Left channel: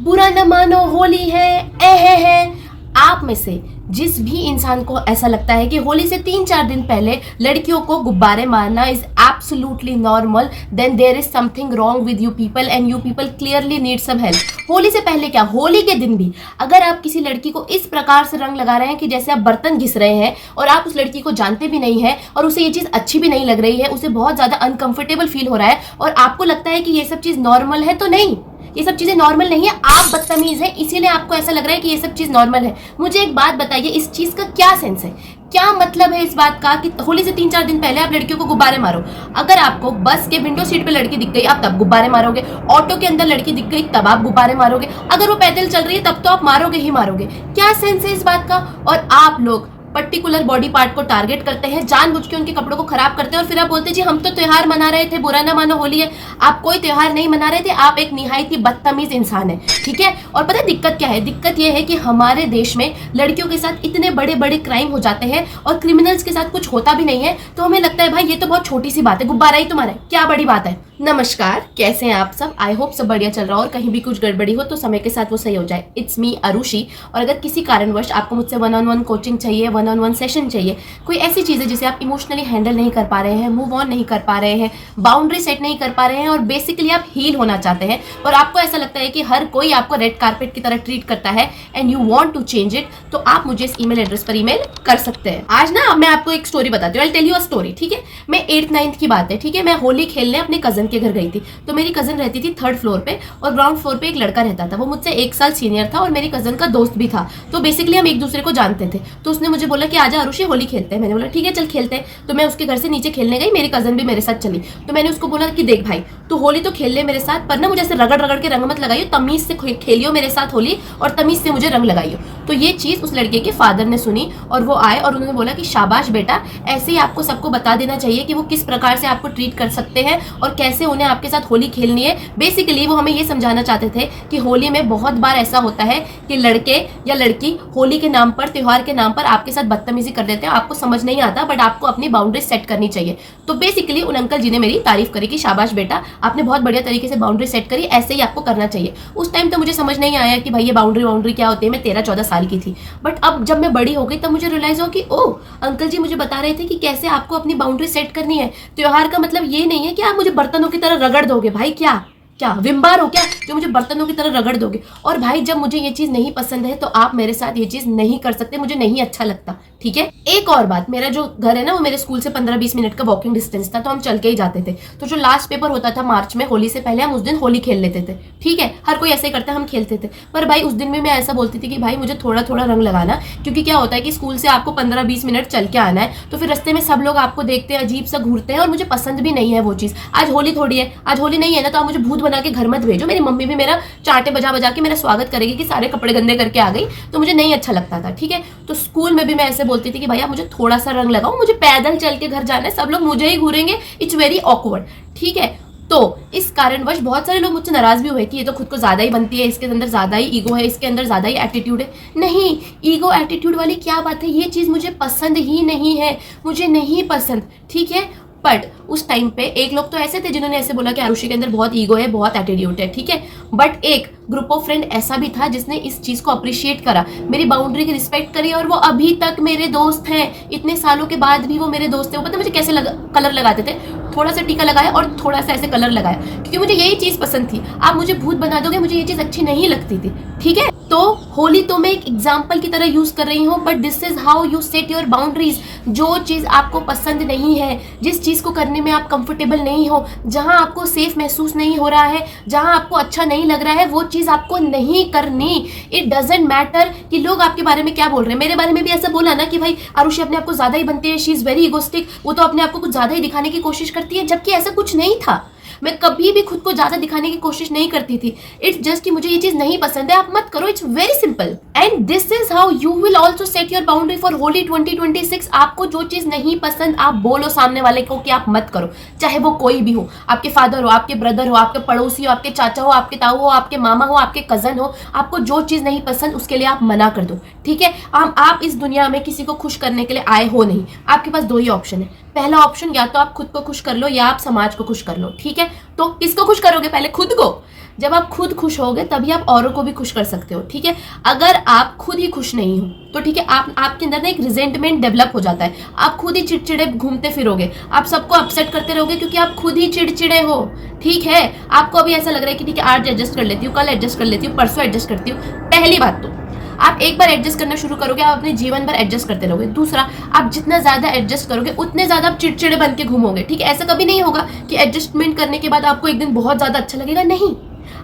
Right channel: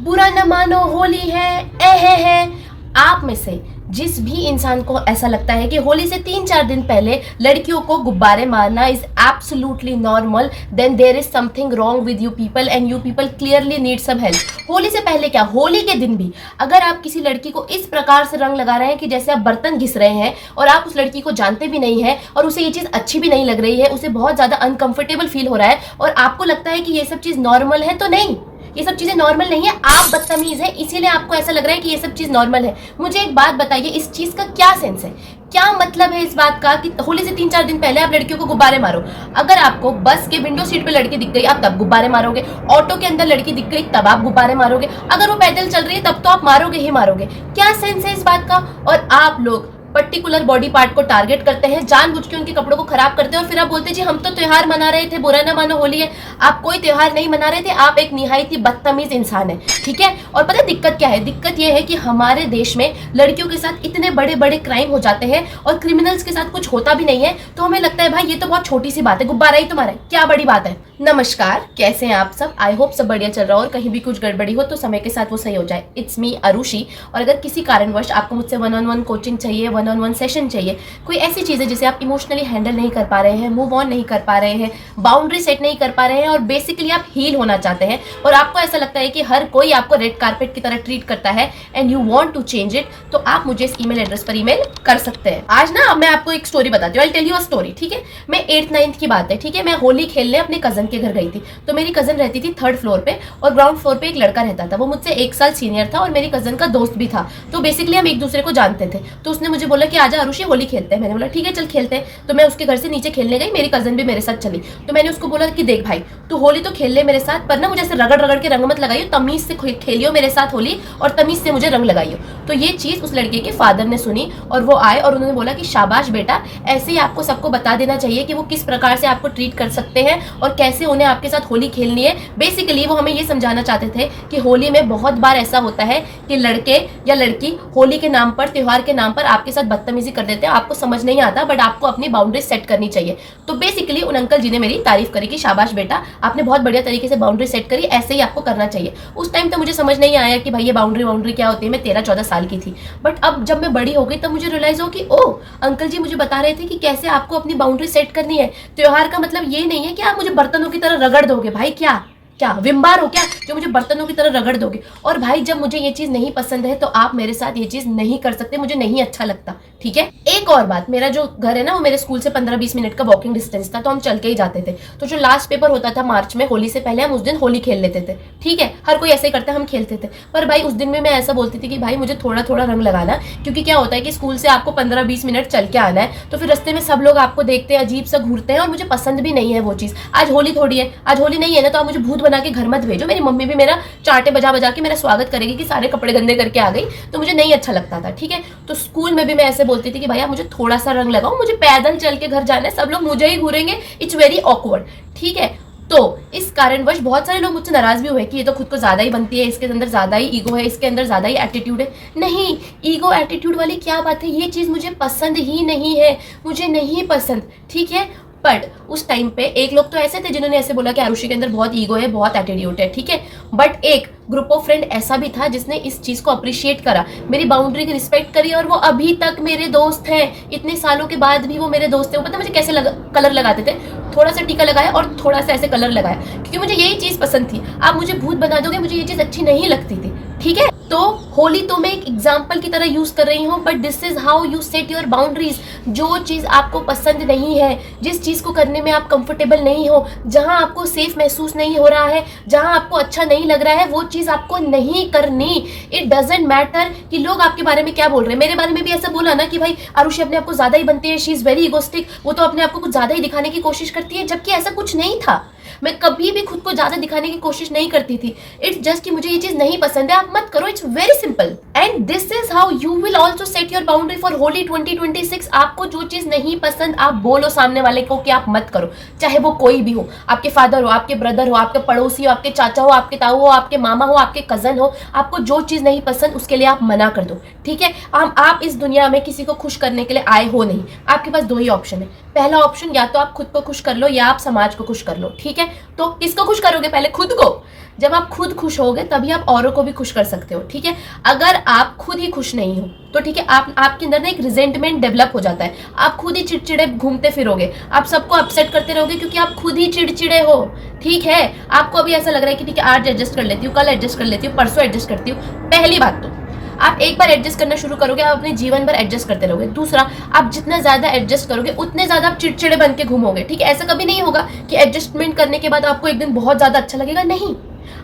बुरा न मानो, होली है। आप में से जिस भी इंसान को ऐसा लगता है कि होली से 3-4 दिन पहले लड़कियों को गुब्बारे मारना is absolutely normal, then there is something wrong with you people and you people clearly need some help. Holi से पहले क्या, होली के दिन भी अगर आप किसी लड़की को इस प्रकार से रंग लगा रहे हैं कि जैसे आप बर्तन घिस रहे हैं और आप उस लड़की को जानते भी नहीं है और उसे ये चीज अच्छी भी नहीं लग रही है, उसे बहुत ज्यादा अनकंफर्टेबल फील हो रहा है और आपको लगता है कि ये सब चीज नॉर्मल है, तो नहीं, ये सब चीजें नॉर्मल नहीं है। आप बदतमीज हैं, इसीलिए आपको ऐसा लग रहा है कि ये सब चीज नॉर्मल है। मुझे एक बात बताइए, इस चीज का क्या सेंस है, क्या मतलब है इस बात का कि होली से 3-4 दिन पहले आप लड़कियों को गुब्बारे मारो? अगर आपको बस के विंडो सीट पे लड़की दिख गई आप तब गुब्बारे मारोगे, ऑटो के अंदर लड़की दिख गई तब आप गुब्बारे मारोगे, अगर वो पैदल चल रही है तब तो आप मारोगे ही मारोगे। क्या सेंस है इस बात का? और आप लोग पर्टिकुलर बॉडी पार्ट को टारगेट करते हैं, जानबूझ के उनके कपड़ों को खराब करते हैं और फिर आप बोलते हैं जी हम तो त्योहार मना रहे थे, बुरा ना मानो होली है। आप कोई त्योहार नहीं मना रहे थे, आप एक निहायत ही बदतमीज इंसान है, ठीक है। और पता है दिक्कत क्या है? दिक्कत यह है कि हमारे देश में लड़कियों के साथ इतने बड़े बड़े क्राइम हो जाते हैं और क्रिमिनल्स के साथ कुछ होता भी नहीं है, तो हमें लगता है भाई ये तो बहुत छोटी सी बात है, गुब्बारा ही तुम्हारा है, क्या बड़ी बात है। नमस्कार, कैसे हैं आप सब? आई होप सब बढ़िया चल रहा हो और कहीं भी कुछ गड़बड़ी हो तो समय के साथ वो सही हो जाए। It's me Arushi. और अगर किसी कारणवश आपको मुझसे 1-on-1 कोचिंग चाहिए, 1-on-1 सेशन चाहिए, कोई ऐसी चीज़ है जिसे आप इमोशनली हैंडल नहीं कर पा रहे हैं, मूव ऑन नहीं कर पा रहे हैं, बाउंड्री सेट नहीं कर पा रहे हैं और बेसिकली आप हील होना चाहते हैं और आपको ऐसा लगता है कि हर कोई आपको रेड कारपेट की तरह ट्रीट करता है and you want to change it, तो आप मुझे इस ईमेल एड्रेस पर ईमेल कर सकते हैं। आज ना मैं आपको एक स्टोरी बताती हूँ, I tell you a story, ठीक है। मैं 8th-9th की बात है, ठीक है। मैं होली खेलने अपने कजन के घर गई थी, तो मेरी कजन रहती थी 3rd फ्लोर पे और ग्राउंड फ्लोर पे एक लड़का रहता था, वो मुझसे 1 साल सीनियर था और मेरी कजन का दोस्त भी था, तो बेसिकली हम एक दूसरे को जानते थे। तो उसने मुझे बोला कि आजा अरुषि होली खेलते हैं। मैंने बोला ठीक है चल खेलते हैं। तो मैं उसके घर से नीचे खेलने गई, मेरी कजन भी मेरे साथ चली। तो मैंने उसको बोला कि देख भाई तू होली तो खेल ले मेरे साथ, पर ना मुझे ऐसे रगड़ रगड़ के रंग मत लगाइयो, तमीज से खेलियो मेरे साथ होली और तमीज से मुझे रंग लगाइयो। तो ये चीज उस लड़के के फादर ने सुनी और वो आए और उन्होंने बोला कि शाबाश बेटा, ऐसे ही आपको सबको बता देना चाहिए कि वो किस प्रकार से आपको ट्रीट कर सकते हैं और कैसे उन्हें आपके साथ होली खेलनी है। बेसिकली वो हमें ये समझाना चाहते थे कि होली में बहुत बार ऐसा होता है कि लड़के या लड़की होली के नाम पर, त्योहार के नाम पर आपके साथ बदतमीजी कर देते हैं, आपको समझ नहीं आता, बट आपको अपनी बाउंड्री सेट करनी चाहिए। तो बेसिकली उन अंकल जी ने मेरी तारीफ करी कि शाबाश बेटा, आपने बहुत बढ़िया तरीके से बाउंड्री सेट करी, ऐसे ही आपको करना चाहिए। उस टाइम तो मुझे समझ नहीं आया कि भाई ये बाउंड्री क्या होती है, मैं 13-14 साल की थी। बट अब जब मैं बड़ी हो गई तब मुझे रियलाइज हो कि ओ अंकल जी मुझे बता रहे थे कि कैसे आपको अपनी बाउंड्री सेट करनी है। त्योहार का मतलब ये नहीं है कि आप मुझे बर्तनों की तरह रगड़ दोगे, भाई क्या क्या विम्बार हो क्या जो मुझे बर्तनों की तरह रगड़ दोगे। और भाई जब मुझे ये चीज नहीं पसंद है तो आप मेरे साथ ये चीज नहीं कर सकते, मुझे नहीं अच्छा लगता, ठीक है। एक और बात, मेरा जो घर है ना वो मेरे स्कूल से 15-20 मिनट का वॉकिंग डिस्टेंस था, तो हम चल के ही जाते थे। तो जो लास्ट पेपर होता था मार्च में होली से पहले, हम उस दिन होली खेल लेते थे, ठीक है। हर कोई ऐसे ही करता है, हम खेलते थे। पर भाई उस दिन भी मैं ऐसा बोलती थी कि भाई मुझे थोड़ा थोड़ा रंग लगाना, क्योंकि क्या होता है कि स्कूल से आपको 15-20 मिनट चल के आना है, तो फिर रास्ते में सब लोग आपको देखते हैं, अजीब सा घूरते हैं और मुझे पसंद भी नहीं है वो चीज। आज होली थोड़ी है, आज होली नहीं है ना, तो आप मुझे भूत बना के घर मत भेजो। मेरी मम्मी भी मेरा चांटे बजा बजा के मेरा स्वागत करेगी कि सारे कपड़े गंदे करके आ गई, तो मुझे नहीं अच्छा लगता था, ठीक है। तो स्कूल में भी मैं ऐसे बोलती थी कि भैया मुझे थोड़ा सा रंग लगाओ, मुझे पैदल चल के घर जाना है, सब लोग मुझे ही घूरेंगे, इट्स वेरी ऑकवर्ड, ठीक है। तो इस कारणवश बहुत सारे लोग मुझसे नाराज भी हुए कि ये तो खुद को ज्यादा ही बनती है, इसके अंदर ज्यादा ही ईगो है, इसके अंदर ज्यादा ही एटीट्यूड है। नहीं, ईगो एटीट्यूड वाली क्या बात है, ये चीज मुझे पसंद ही नहीं है, मुझे नहीं पसंद, ठीक है। बट उस टाइम पे एक लोग तो ऐसे थे जिन्होंने ऐसे बोला कि आरुषि के अंदर बहुत ईगो है, बहुत एटीट्यूड है, ठीक है। बट एक ग्रुप ऑफ फ्रेंड ऐसा भी था जिसने इस चीज को अप्रिशिएट करा, मेरी बाउंड्री की रिस्पेक्ट करी और वो अभी तक मेरे दोस्त हैं। इतने सालों के बाद भी वो मेरे दोस्त थे। वो पता मुझे कैसे कलर लगाते थे, थोड़ा सा टीका लगाया और थोड़ा सा ऐसे कलर लगाया, क्योंकि मुझे यही चीज पसंद थी। आप मुझे भूत बना दोगे, मुझे ये चीज अच्छी नहीं लगती थी, ठीक है। तो होली तो मैं एक एग्जाम्पल की तरह यूज कर रही हूँ, but this is how you set your boundaries. जो चीज आपको पसंद नहीं है, जिस चीज को करने में आप कंफर्टेबल नहीं हो, जहां आपको सेफ महसूस नहीं हो रहा है, जहां आपको अच्छा नहीं लग रहा है, वो चीज आपको नहीं करनी। इट डजेंट मैटर कि लोग आपके बारे में क्या बोल रहे हैं। मेरे बारे में भी ऐसा बोला ना कि भाई आरुषि अपने आप को ज्यादा ही बनती है, शी इज वेरी इगोस्टिक, वो तो अपने आप को कुछ ज्यादा ही दिखाने की कोशिश करती है, जबकि ऐसा कुछ नहीं था। मैं कभी भी खुद को ज्यादा दिखाने की कोशिश नहीं करती थी। इट्स जस्ट कि मुझे ये चीज नहीं पसंद है, आप मत करो, it's very simple. And this is how you will also set your boundary for Holi 2026। आपको जो चीज नहीं पसंद आप बोलो सामने वाले को कि आप मत करो, चाहे वो कोई भी हो, आपके फादर हो, आपके ब्रदर हो, आपके पड़ोसी हो, आपके चाचा हो, आपके ताऊ हो, आपके मामा हो, आपके कजन हो। आपको जो चीज नहीं पसंद उसके लिए आप मना कर दो, ठीक है। आप इस दुनिया में किसी को खुश करने के लिए आए हो नहीं। आपके पास 2 ही ऑप्शन है। पहला ऑप्शन, या तो आप खुद को खुश कर लो या आप समाज को खुश कर लो, ठीक है। है। तो किसको खुश करोगे? पहले खुद को। जब आप खुद खुश होगे तभी आप औरों को भी खुश कर सकते हो, ठीक है। अगर आप खुद ही खुश नहीं हो तो ठीक है, आपके अंदर ना एक रिजेंटमेंट डेवलप हो जाता है, आप खुद ही चिड़चिड़े घूमते फिरोगे, आप सबको अपसेट करते रहोगे क्योंकि आप खुद ही चिड़चिड़े हो, ठीक है। आपको अभी ऐसा लग रहा है कि ठीक है आज एडजस्ट कर लेती हूँ, कल एडजस्ट कर लेती हूँ, परसों एडजस्ट करती हूँ। पहली बात तो आप एक बार एडजस्ट करना शुरू करोगे, आप अपने जीवन भर एडजस्ट करते रहोगे। दूसरा, आप जितना ज्यादा एडजस्ट करोगे उतने ज्यादा आप चिड़चिड़े बन के घूमोगे, ठीक है। ऐसा कभी नहीं होगा कि एडजस्टमेंट करने के बाद आपको एक दिन बहुत ज्यादा अच्छा लगेगा, नहीं।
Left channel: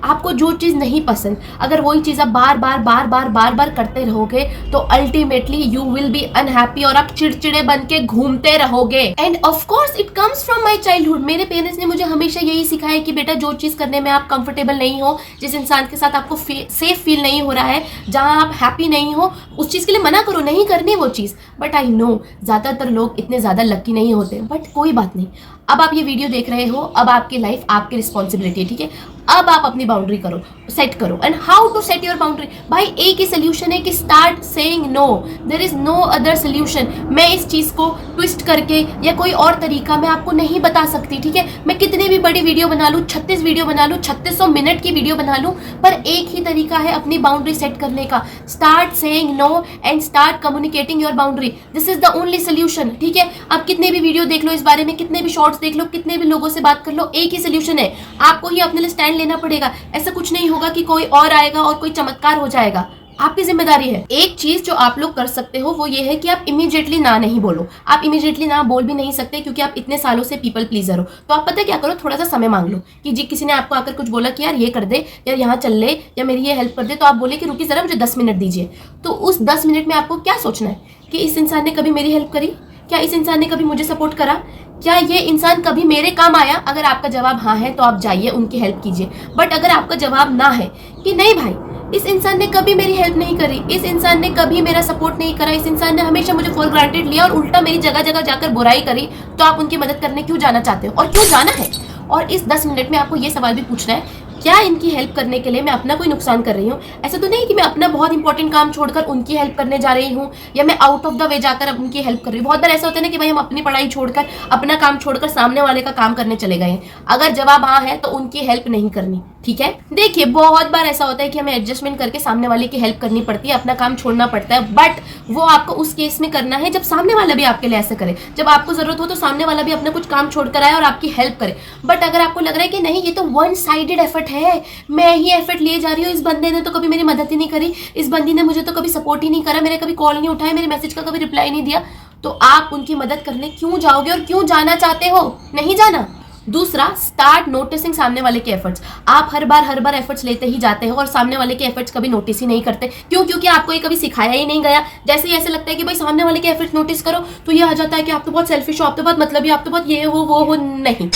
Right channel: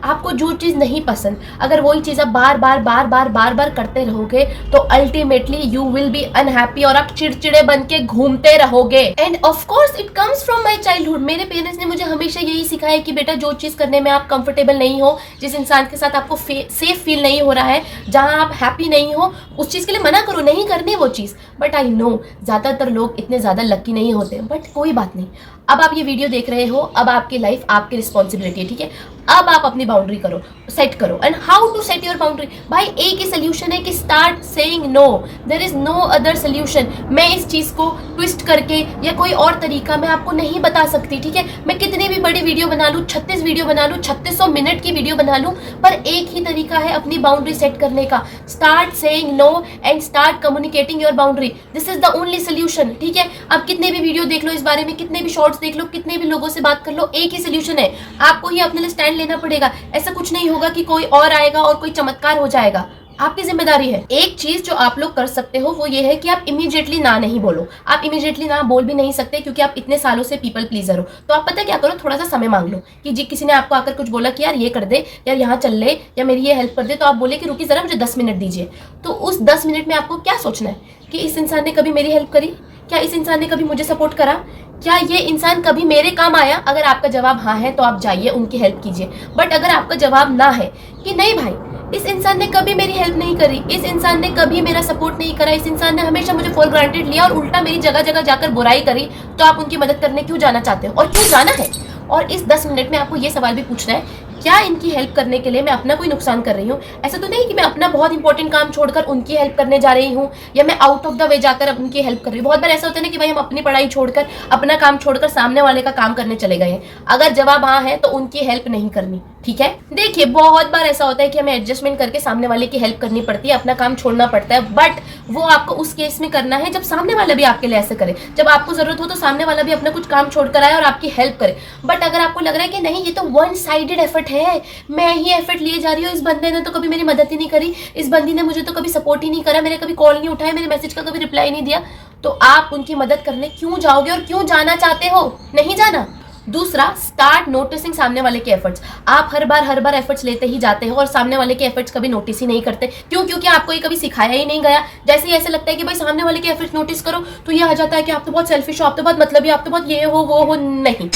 आपको जो चीज नहीं पसंद, अगर वही चीज आप बार बार करते रहोगे तो ultimately you will be unhappy और आप चिड़चिड़े बन के घूमते रहोगे। End of course it comes from my childhood. मेरे पेरेंट्स ने मुझे हमेशा यही सिखाया कि बेटा जो चीज करने में आप कंफर्टेबल नहीं हो, जिस इंसान के साथ आपको सेफ फील नहीं हो रहा है, जहां आप हैप्पी नहीं हो, उस चीज के लिए मना करो, नहीं करनी वो चीज। बट आई नो ज्यादातर लोग इतने ज्यादा लकी नहीं होते, बट कोई बात नहीं। अब आप ये वीडियो देख रहे हो, अब आपकी लाइफ आपकी रिस्पॉन्सिबिलिटी है, ठीक है। अब आप अपनी बाउंड्री करो, सेट करो। And how to set your boundary? भाई एक ही सोल्यूशन है कि start saying no, there is no other solution. मैं इस चीज को ट्विस्ट करके या कोई और तरीका मैं आपको नहीं बता सकती, ठीक है। मैं कितनी भी बड़ी वीडियो बना लूं, 36 वीडियो बना लूं, 3600 मिनट की वीडियो बना लूं, पर एक ही तरीका है अपनी बाउंड्री सेट करने का। Start saying no and start communicating your boundary, this is the only solution, ठीक है। अब कितने भी वीडियो देख लो इस बारे में, कितने भी शॉर्ट्स देख लो, कितने भी लोगों से बात कर लो, एक ही सोल्यूशन है, आपको ही अपने लिए स्टैंड लेना पड़ेगा। ऐसा कुछ नहीं होगा कि कोई और आएगा और कोई चमत्कार हो जाएगा, आपकी जिम्मेदारी है। एक चीज जो आप लोग कर सकते हो वो ये है कि आप इमीडिएटली ना नहीं बोलो। आप इमीडिएटली ना बोल भी नहीं सकते क्योंकि आप इतने सालों से पीपल प्लीजर हो। तो आप पता क्या करो, थोड़ा सा समय मांग लो कि जी किसी ने आपको आकर कुछ बोला कि यार ये कर दे, या यहाँ चल ले, या मेरी ये हेल्प कर दे, तो आप बोले कि रुकी जरा मुझे 10 मिनट दीजिए। तो उस 10 मिनट में आपको क्या सोचना है कि इस इंसान ने कभी मेरी हेल्प करी, क्या इस इंसान ने कभी मुझे सपोर्ट करा, क्या ये इंसान कभी मेरे काम आया? अगर आपका जवाब हाँ है तो आप जाइए उनकी हेल्प कीजिए। बट अगर आपका जवाब ना है कि नहीं भाई इस इंसान ने कभी मेरी हेल्प नहीं करी, इस इंसान ने कभी मेरा सपोर्ट नहीं करा, इस इंसान ने हमेशा मुझे फॉर ग्रांटेड लिया और उल्टा मेरी जगह जगह जाकर बुराई करी, तो आप उनकी मदद करने क्यों जाना चाहते हो और क्यों जाना है? और इस 10 मिनट में आपको ये सवाल भी पूछना है, क्या इनकी हेल्प करने के लिए मैं अपना कोई नुकसान कर रही हूँ? ऐसा तो नहीं कि मैं अपना बहुत इंपॉर्टेंट काम छोड़कर उनकी हेल्प करने जा रही हूँ, या मैं आउट ऑफ द वे जाकर उनकी हेल्प कर रही हूँ। बहुत बार ऐसा होता है ना कि भाई हम अपनी पढ़ाई छोड़कर, अपना काम छोड़कर सामने वाले का काम करने चले गए हैं। अगर जवाब हाँ है तो उनकी हेल्प नहीं करनी, ठीक है। देखिए बहुत बार ऐसा होता है कि हमें एडजस्टमेंट करके सामने वाले की हेल्प करनी पड़ती है, अपना काम छोड़ना पड़ता है, बट वो आपको उस केस में करना है जब सामने वाला भी आपके लिए ऐसे करे, जब आपको जरूरत हो तो सामने वाला भी अपना कुछ काम छोड़कर आए और आपकी हेल्प करे। बट अगर आपको लग रहा है कि नहीं ये तो वन साइडेड एफर्ट है, मैं ही एफर्ट लिए जा रही हूँ, इस बंदे ने तो कभी मेरी मदद ही नहीं करी, इस बंदी ने मुझे तो कभी सपोर्ट ही नहीं करा, मेरे कभी कॉल नहीं उठाया, मेरे मैसेज का कभी रिप्लाई नहीं दिया, तो आप उनकी मदद करने क्यों जाओगे और क्यों जाना चाहते हो? नहीं जाना। दूसरा, स्टार्ट नोटिसिंग सामने वाले के एफर्ट्स। आप हर बार एफर्ट्स लेते ही जाते हो और सामने वाले के एफर्ट्स कभी नोटिस ही नहीं करते। क्यों? क्योंकि आपको ये कभी सिखाया ही नहीं गया। जैसे ही ऐसे लगता है कि भाई सामने वाले के एफर्ट्स नोटिस करो तो ये आ जाता है कि आप तो बहुत सेल्फिश हो, आप तो बहुत मतलबी, आप तो बहुत ये हो वो हो। नहीं,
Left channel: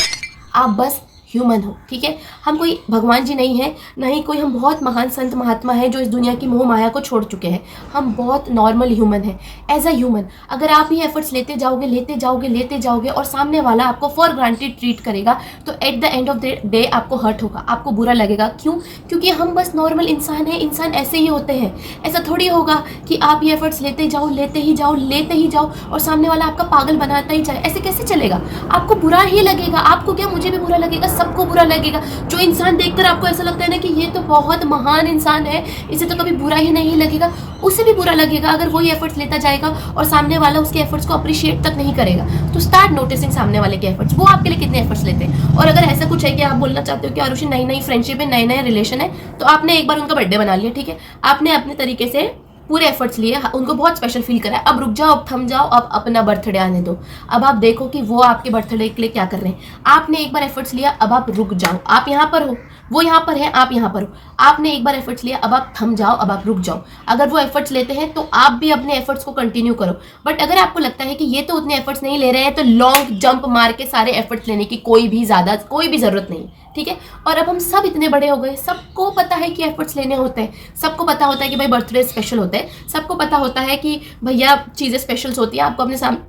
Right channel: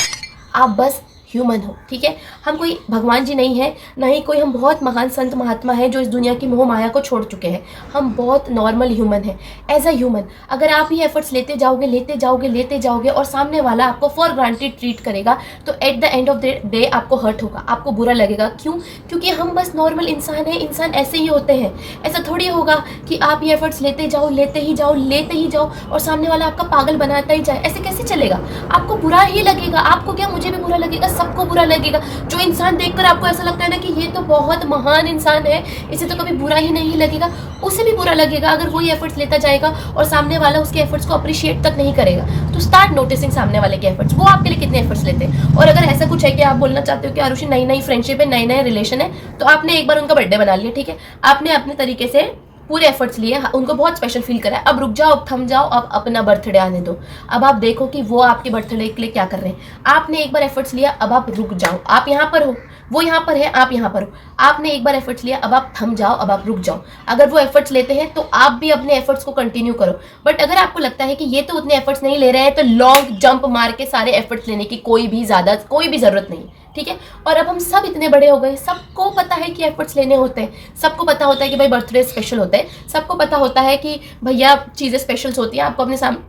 आप बस ह्यूमन हो, ठीक है। हम कोई भगवान जी नहीं है, नहीं कोई हम बहुत महान संत महात्मा है जो इस दुनिया की मोह माया को छोड़ चुके हैं। हम बहुत नॉर्मल ह्यूमन है। एज अ ह्यूमन अगर आप ही एफर्ट्स लेते जाओगे और सामने वाला आपको फॉर ग्रांटेड ट्रीट करेगा तो at the end of the day आपको हर्ट होगा, आपको बुरा लगेगा। क्यों? क्योंकि हम बस नॉर्मल इंसान हैं, इंसान ऐसे ही होते हैं। ऐसा थोड़ी होगा कि आप ये एफर्ट्स लेते ही जाओ और सामने वाला आपका पागल बनाता ही जाए। ऐसे कैसे चलेगा? आपको बुरा ही लगेगा। आपको क्या, मुझे भी बुरा लगेगा, सबको बुरा लगेगा। जो इंसान देखकर आपको ऐसा लगता है ना कि ये तो बहुत महान इंसान है, इसे तो कभी बुरा ही नहीं लगेगा, उसे भी बुरा लगेगा अगर वो ये एफर्ट्स लेता जाएगा और सामने वाला उसके एफर्ट्स को अप्रिशिएट तक नहीं करेगा। तो स्टार्ट नोटिसिंग सामने वाले के एफर्ट्स, वो आपके लिए कितने एफर्ट्स लेते हैं। और अगर ऐसा कुछ है कि आप बोलना चाहते हो कि आरुषि नई फ्रेंडशिप है, नए रिलेशन है, तो आपने एक बार उनका बर्थडे बना लिया, ठीक है, आपने अपने तरीके से पूरे एफर्ट्स लिए, उनको बहुत स्पेशल फील करा। अब रुक जाओ, अब थम जाओ, अब अपना बर्थडे आने दो। अब आप देखो कि वो आपके बर्थडे के लिए क्या कर रहे हैं। आपने एक बार एफर्ट्स लिया, अब आप रुक जाओ। आप यहाँ पर हो, वो यहाँ पर है, आप यहाँ पर हो। आपने एक बार एफर्ट्स लिया, अब आप थम जाओ, अब आप रुक जाओ। अगर वो एफर्ट्स लेते हैं तो आप भी अपने एफर्ट्स को कंटिन्यू करो। बट अगर आपको लगता है कि ये तो उतने एफर्ट्स नहीं ले रहे हैं तो लॉन्ग जंप मार के सारे एफर्ट्स लेने की कोई भी जरूरत नहीं, ठीक है। और अब हम सब इतने बड़े हो गए, सबको पता है कि एफर्ट्स लेने होते हैं, सबको पता होता है कि भाई बर्थडे स्पेशल होता है, सबको पता होता है कि भैया चीज़ें स्पेशल्स होती हैं। आपको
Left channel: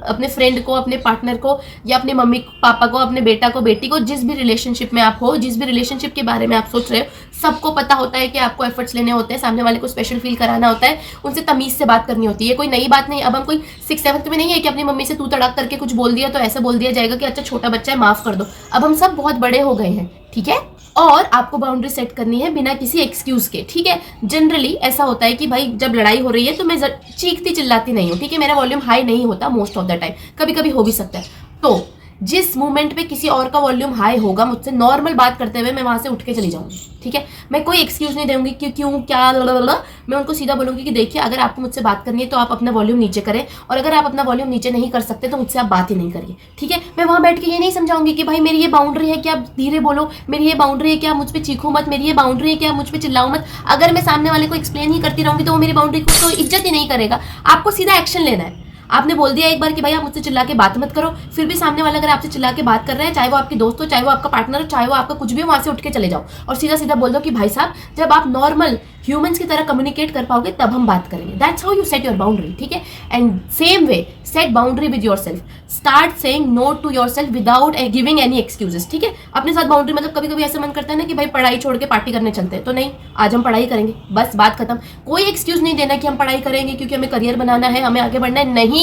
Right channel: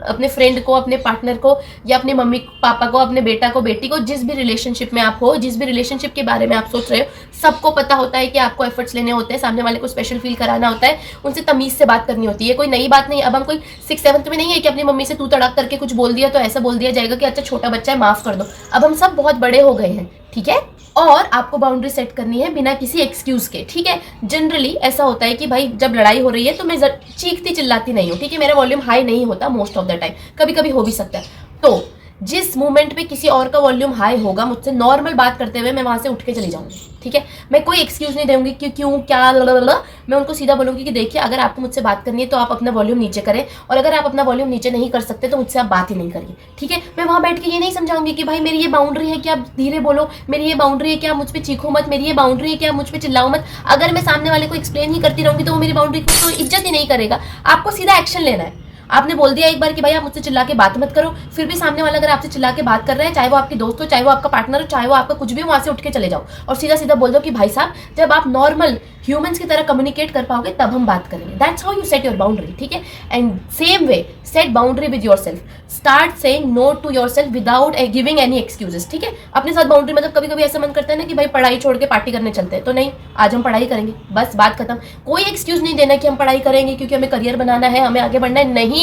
अपने फ्रेंड को, अपने पार्टनर को, या अपने मम्मी पापा को, अपने बेटा को, बेटी को, जिस भी रिलेशनशिप में आप हो, जिस भी रिलेशनशिप के बारे में आप सोच रहे हो, सबको पता होता है कि आपको एफर्ट्स लेने होते हैं, सामने वाले को स्पेशल फील कराना होता है, उनसे तमीज़ से बात करनी होती है। कोई नई बात नहीं। अब हम कोई 6th-7th में नहीं है कि अपनी मम्मी से तू तड़ाक करके कुछ बोल दिया तो ऐसा बोल दिया जाएगा कि अच्छा छोटा बच्चा है माफ़ कर दो। अब हम सब बहुत बड़े हो गए हैं, ठीक है। और आपको बाउंड्री सेट करनी है बिना किसी एक्सक्यूज़ के, ठीक है। जनरली ऐसा होता है कि भाई जब लड़ाई हो रही है तो मैं चीखती चिल्लाती नहीं हूँ, ठीक है। मेरा वॉल्यूम हाई नहीं होता मोस्ट ऑफ द टाइम, कभी कभी हो भी सकता है। तो जिस मोमेंट पे किसी और का वॉल्यूम हाई होगा, मुझसे नॉर्मल बात करते हुए मैं वहाँ से उठ के चली जाऊँगी, ठीक है। मैं कोई एक्सक्यूज़ नहीं दूंगी कि क्यों क्या मैं उनको सीधा बोलूँगी कि देखिए अगर आपको मुझसे बात करनी है तो आप अपना वॉल्यूम नीचे करें, और अगर आप अपना वॉल्यूम नीचे नहीं कर सकते तो मुझसे आप बात ही नहीं करिए, ठीक है। मैं वहाँ बैठ के ये नहीं समझाऊंगी कि भाई मेरी ये बाउंड्री है कि आप धीरे बोलो, मेरी ये बाउंड्री है कि आप मुझ पर चीखो मत, मेरी ये बाउंड्री है कि आप मुझ पर चिल्लाओ मत। अगर मैं सामने वाले को एक्सप्लेन ही करती रहूँगी तो वो मेरी बाउंड्री को तो इज्जत ही नहीं करेगा। आपको सीधा एक्शन लेना है। आपने बोल दिया एक बार कि भाई आप मुझसे चिल्ला के बात मत करो, फिर भी सामने वाला अगर आपसे चिल्ला के बात कर रहे हैं, चाहे वो आपकी दोस्त हो, चाहे वो आपका पार्टनर हो, चाहे वो आपका कुछ भी, वहां से उठ के चले जाओ और सीधा सीधा बोल दो कि भाई साहब जब आप नॉर्मल ह्यूमंस की तरह कम्युनिकेट कर पाओगे तब हम बात करेंगे। That's how you set your boundary, ठीक है। And same way set boundary with yourself. Start saying no to yourself without giving any excuses, ठीक है। अपने साथ बाउंड्री मतलब कभी कभी ऐसा मन करता है ना कि भाई पढ़ाई छोड़ के पार्टी करने चलते हैं, तो नहीं, आज हम पढ़ाई करेंगे, बस बात खत्म। कोई एक्सक्यूज नहीं देना कि हम पढ़ाई करेंगे क्योंकि हमें करियर बनाना है, हमें आगे बढ़ना है, नहीं।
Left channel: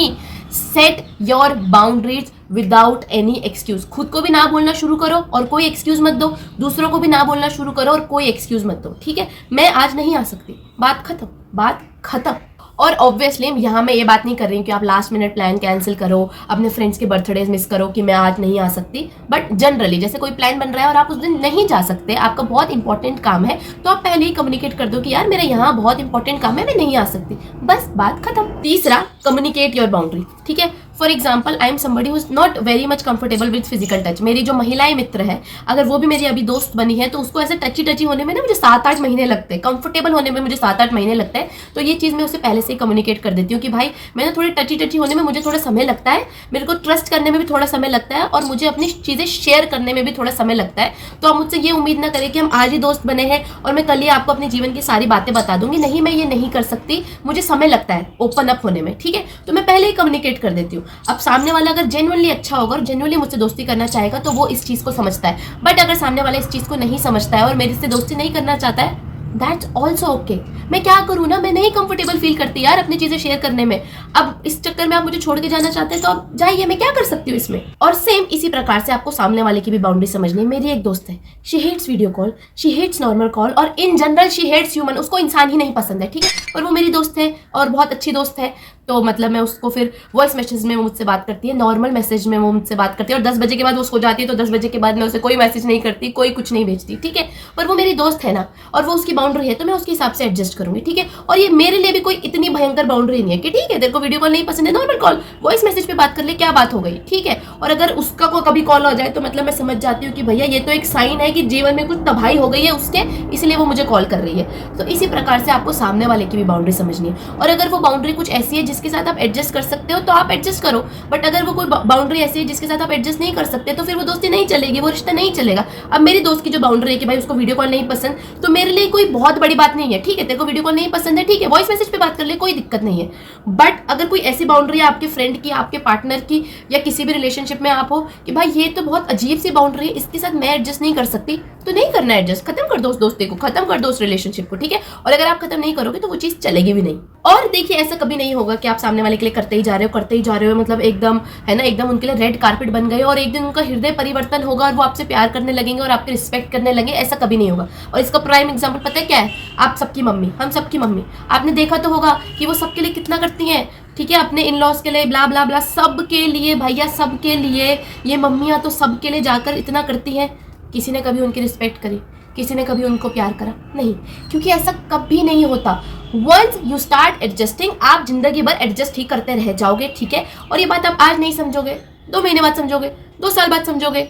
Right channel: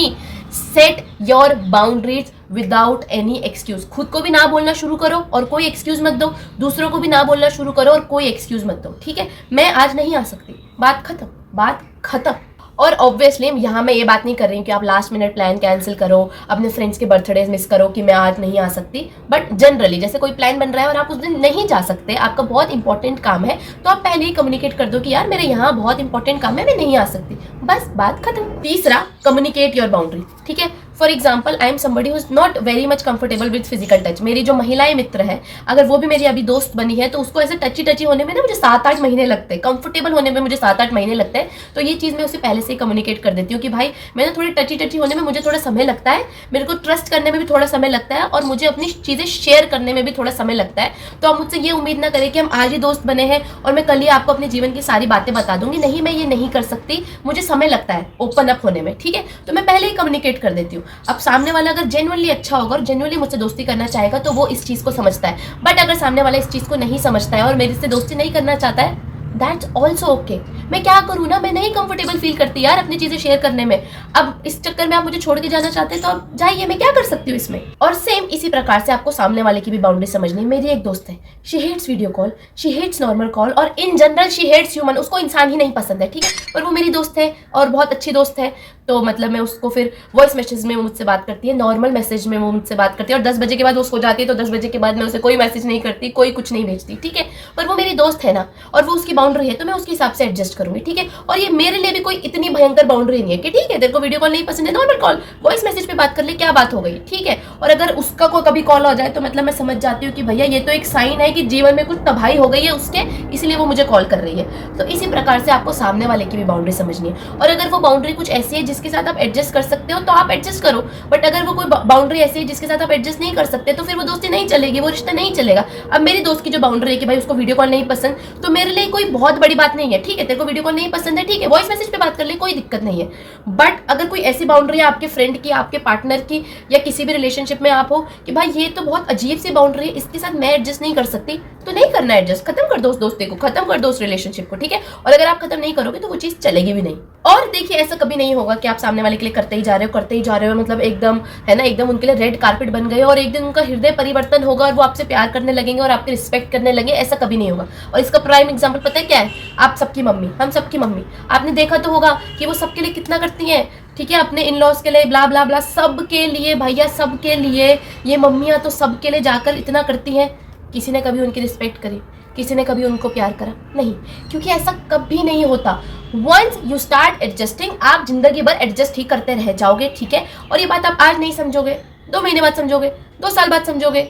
Set your boundaries without any excuse. खुद को भी ना बोलना शुरू करो और कोई एक्सक्यूज मत दो, दूसरों को भी ना बोलना शुरू करो और कोई एक्सक्यूज मत दो, ठीक है। मैं आज नहीं आ सकती, बात खत्म, बात खत्म। और ऑब्वियसली यहाँ मैं ये बात नहीं कर रही हूँ कि आप लास्ट मिनट प्लान कैंसिल करो, अपने फ्रेंड्स के बर्थडेज मिस करो कि मैं आज नहीं आ सकती। बट जनरली जैसे कोई प्लान बन रहा है और आप उस दिन नहीं जा सकते, आपका बहुत इंपॉर्टेंट काम है, तो आप पहले ही कम्युनिकेट कर दो कि यार मेरा यहाँ बहुत इंपॉर्टेंट काम है, मैं नहीं आ सकती, बस बात खत्म। तीसरा, कम्युनिकेट योर बाउंड्री, ठीक है। For example I am somebody who is not very much comfortable with physical touch. मेरी जो महिलाएं मित्र है, अगर वो भी मेरी अभी दोस्त बनी है तो उसको ऐसे टची टची होने में ना मुझे 7-8 महीने लगते हैं, कंफर्टेबल होने में मुझे 7-8 महीने लगते हैं। तो ये चीज़ मैं उसे पहले से ही कम्युनिकेट कर देती हूँ कि भाई मैं ना थोड़ी टची टची होने में मुझे थोड़ा समय लगता है, मेरे को ट्रस्ट करने में भी थोड़ा समय लगता है और मुझे अपनी चीज़ें शेयर करने में भी थोड़ा समय लगता है। तो आप मुझसे ये उम्मीद ना करें कि हम आज ही दोस्त बने हैं और मैं कल ही आपको अपने जीवन की सारी बातें बता दूंगी, नहीं, मैं ये नहीं कर सकती, मुझे समय लगता है ओपन अप होने में, ठीक है। तो मैं पहले ही कम्युनिकेट कर देती हूँ। अब सामने वाला अगर जेन्युइनली अच्छा होगा और जेन्युइनली मुझसे दोस्ती करना चाहेगा तो वो इस चीज़ को समझता है। बट अगर सामने वाला इस चीज़ को नहीं समझता है और मेरे से दोस्ती नहीं करना चाहता है, दैट्स ऑल्सो ओके। मैं क्या करूँ ना, मैं नहीं कंफर्टेबल फील करती यार अपनी चीजें शेयर करने में। अब इस चक्कर में आप मुझे छोड़ के जाना चाहते हैं तो आप जाइए, मैं क्या कर सकती हूँ इसमें। और सेम इसी प्रकार से आपको सामने वाले की भी बाउंड्री समझनी है। मेरी एक दोस्त है, she hates video call, she hates normal call और in general she hates human. उसको इंसान ही नहीं पसंद है, ठीक है। और वो मेरी दोस्त है और बहुत अच्छी दोस्त है, तो मतलब मैं उसको फिर वॉइस मैसेज में वो मुझसे बात करती है, नॉर्मल मैसेज में वो मुझसे बात करती है और 10 बजे के बाद वो सो जाती है, तो 10 बजे के बाद मैं उसे कोई मैसेज नहीं करती, कोई कुछ नहीं भेजती, ठीक है। पर वो मेरी दोस्त है ना और वो उसकी बाउंड्री है तो मैं उसके हिसाब से एडजस्ट करूंगी, ठीक है। और ये मेरे लिए भी कोई इतनी भयंकर बाउंड्री नहीं है कि ठीक है तेरे को वीडियो कॉल नहीं पसंद है, नॉर्मल कॉल वॉइस मैसेज पे बात कर ले, क्या बात हो गई, ठीक है। और अगर उसका कोई कभी कॉल हो जाए तो मतलब मैं समझ जाती हूँ कि भैया ये तो एक साइन है कि जीवन में कुछ तबाही हो गई है उसके, इसलिए वो मुझे कॉल कर रही है। तो इसी प्रकार से आपको सामने वाले की भी बाउंड्री समझनी है। और अगर वो बाउंड्री कुछ ऐसी है जिसके साथ आप एडजस्ट कर सकते हो तो आप एडजस्ट करो, बट अगर वो कोई बाउंड्री ऐसी है जिसके साथ आप एडजस्ट नहीं कर सकते तो फिर वो दोस्ती नहीं चलेगी, वो रिश्ता नहीं चलेगा। अब मेरी दोस्त की जो बाउंड्री है कि भाई उसको वीडियो कॉल नहीं पसंद, तो मेरे लिए कोई बहुत बड़ी बात नहीं है, ठीक है। तेरे को वीडियो कॉल नहीं पसंद है, ठीक है, वॉइस मैसेज पे बात कर ले, कोई दिक्कत नहीं है। बट अगर कोई ऐसी बाउंड्री है आपके फ्रेंड की, आपके पार्टनर की या किसी भी रिलेशनशिप में आप हो कि भाई ये तो बहुत अजीब सी बाउंड्री है, इसके साथ मैं एडजस्ट नहीं कर सकती, तो नहीं करना एडजस्ट, खत्म कर दो उस दोस्ती को, खत्म कर दो उस रिलेशनशिप को, ठीक है। और अगर आप खत्म नहीं करोगे तो वो चीज चलेगी भी नहीं। और देखिए ऐसा कभी नहीं होगा कि आप सामने वाले के लिए करते ही जा रहे हो मतलब एकदम है ना, एकदम उनके लिए रेड कारपेट बन गए और एक दिन उनका हृदय परिवर्तन होगा और वो आपसे प्यार करने लगेंगे और आपके रिस्पेक्ट करने लगे, ऐसा कभी नहीं होगा। और इसका प्राइम एग्जांपल पता है क्या है? आप सबकी मम्मी, हम सबकी मम्मी, आपने देखा तो होगा कि वो सबके लिए कितना करती हैं, ठीक है, अपने इन लॉज के लिए ब्ला ब्ला ब्ला, सबके लिए भैया, सबके लिए। ये मम्मियाँ तो सबके लिए जाकर इतना करती हैं, किसी ने कभी उनकी रिस्पेक्ट करी, किसी ने कभी उनको प्यार करा? नहीं, क्योंकि ऐसा कभी नहीं होता। वंस यू स्टार्ट एडजस्टिंग, आप जिंदगी भर एडजस्ट ही करते रह जाओगे, ठीक है। और ये बात आप आज नहीं समझोगे, 2 महीने बाद समझोगे, 2 साल बाद समझोगे,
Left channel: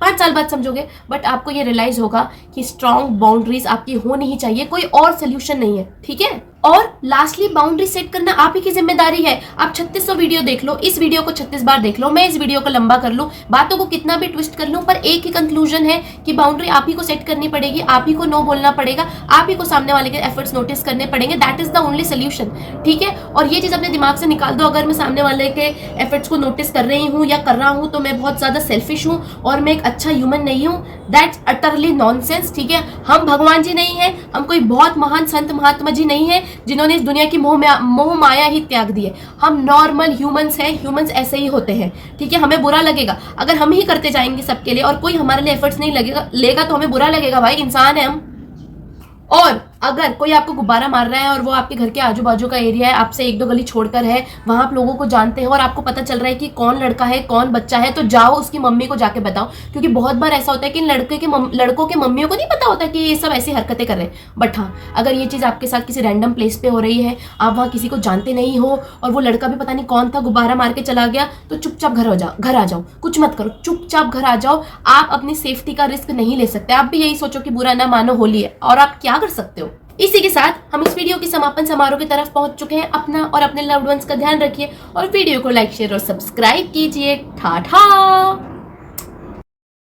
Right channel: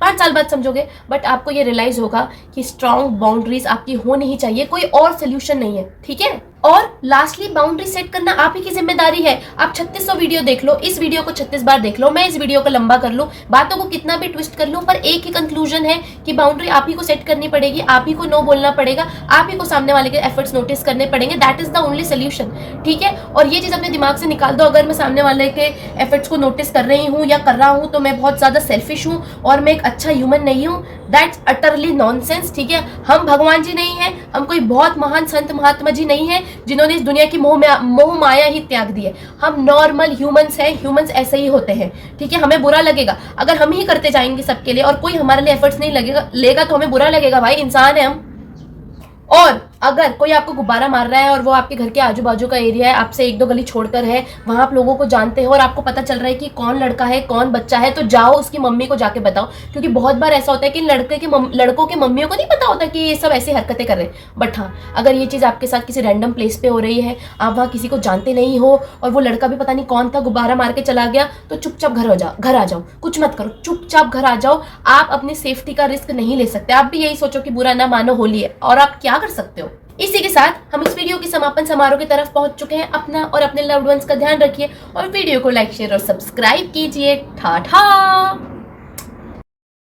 5 साल बाद समझोगे, बट आपको ये रियलाइज होगा कि स्ट्रॉन्ग बाउंड्रीज आपकी होनी ही चाहिए, कोई और सोल्यूशन नहीं है, ठीक है। और लास्टली बाउंड्री सेट करना आप ही की जिम्मेदारी है। आप 3600 वीडियो देख लो, इस वीडियो को 36 बार देख लो, मैं इस वीडियो को लंबा कर लूं, बातों को कितना भी ट्विस्ट कर लूं, पर एक ही कंक्लूजन है कि बाउंड्री आप ही को सेट करनी पड़ेगी, आप ही को नो बोलना पड़ेगा, आप ही को सामने वाले के एफर्ट्स नोटिस करने पड़ेंगे। That is the only solution, ठीक है। और ये चीज अपने दिमाग से निकाल दो, अगर मैं सामने वाले के एफर्ट्स को नोटिस कर रही हूँ या कर रहा हूँ तो मैं बहुत ज्यादा सेल्फिश हूँ और मैं एक अच्छा ह्यूमन नहीं हूँ। दैट्स अटरली नॉनसेंस, ठीक है। हम भगवान जी नहीं है, हम कोई बहुत महान संत महात्मा जी नहीं है जिन्होंने इस दुनिया की मोह माया ही त्याग दी है। हम नॉर्मल ह्यूमंस हैं, ह्यूमंस ऐसे ही होते हैं, ठीक है। हमें बुरा लगेगा अगर हम ही करते जाएंगे सबके लिए और कोई हमारे लिए एफर्ट्स नहीं लेगा तो हमें बुरा लगेगा, भाई इंसान है हम। और अगर कोई आपको गुब्बारा मार रहा है और वो आपके घर के आजू बाजू का एरिया है, आपसे एक दो गली छोड़कर है, वहां आप लोगों को जानते हैं और आपको पता चल रहा है कि कौन लड़का है कौन बच्चा है, तो जाओ उसकी मम्मी को जाके बताओ। क्योंकि बहुत बार ऐसा होता है कि लड़कों के मम्मियों को नहीं पता होता कि ये सब ऐसी हरकतें कर रहे हैं। बट हाँ, अगर ये चीज़ आपके साथ किसी रैंडम प्लेस पे हो रही है, आप वहाँ किसी को जानते नहीं हो और वो लड़का भी पता नहीं कौन था, गुब्बारा मार के चला गया, तो चुपचाप घर आ जाओ, कुछ मत करो, चुपचाप घर आ जाओ। आप अपनी सेफ्टी का रिस्क नहीं ले सकते। आप भी यही सोचो कि बुरा ना मानो, होली है, और आप क्या कर सकते हो। इसी के साथ हम इस वीडियो के समापन समारोह की तरफ पहुंच चुके हैं। अपना और अपने लव्ड वंस का ध्यान रखिए और वीडियो को लाइक शेयर और सब्सक्राइब कीजिए। टाटा।